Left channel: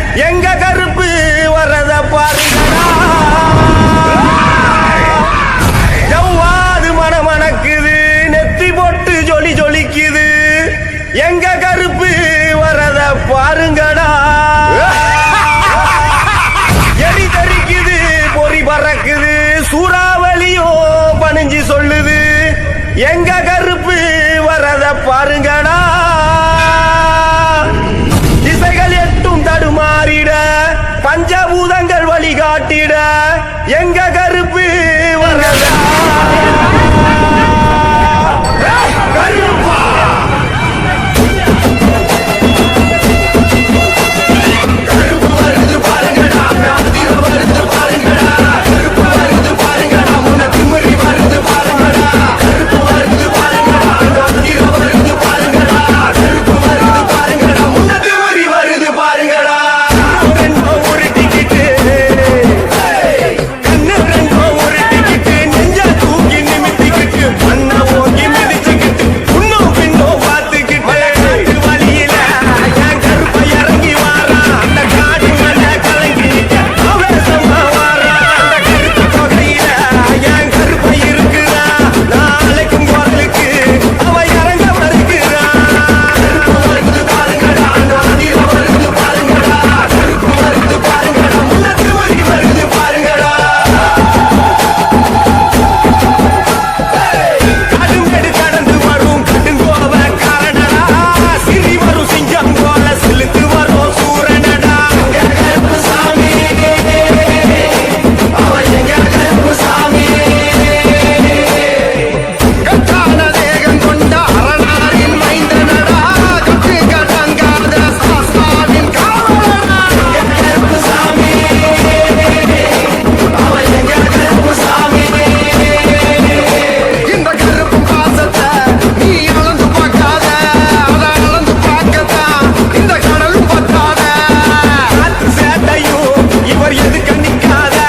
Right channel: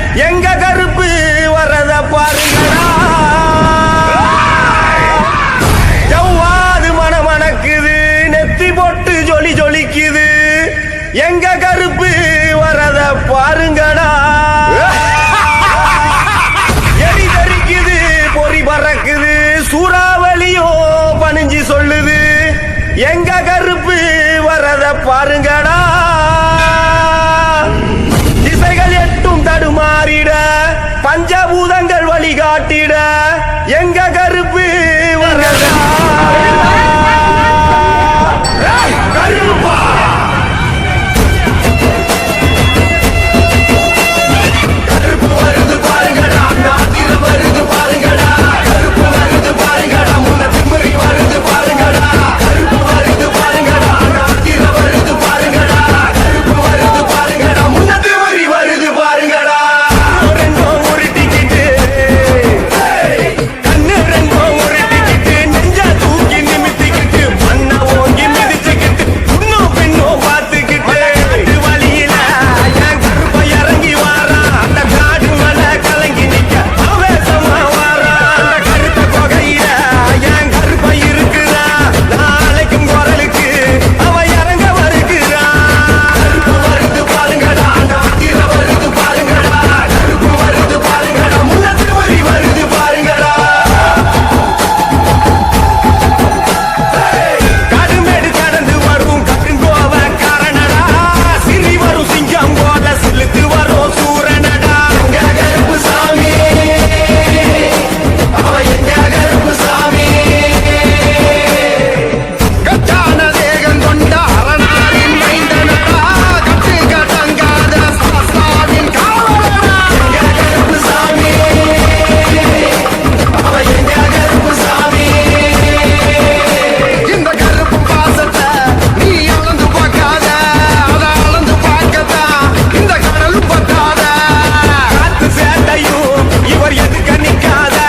எங்க கருப்பு வரத பாருங்கடா. ஜவ்வாது மணமணக்குது நெத்தி போட்டு ஜொலி ஜொலிக்குது. எங்க கருப்பு வரத பாருங்கடா. எரி தரிக்குது பொறி பறக்குது சூறாவளியும் பணிஞ்சு சொல்லுது. எங்க கருப்பு வரத பாருங்கடா. காட்டிட எங்க கருப்பு வரதா எதுக்க நிக்காத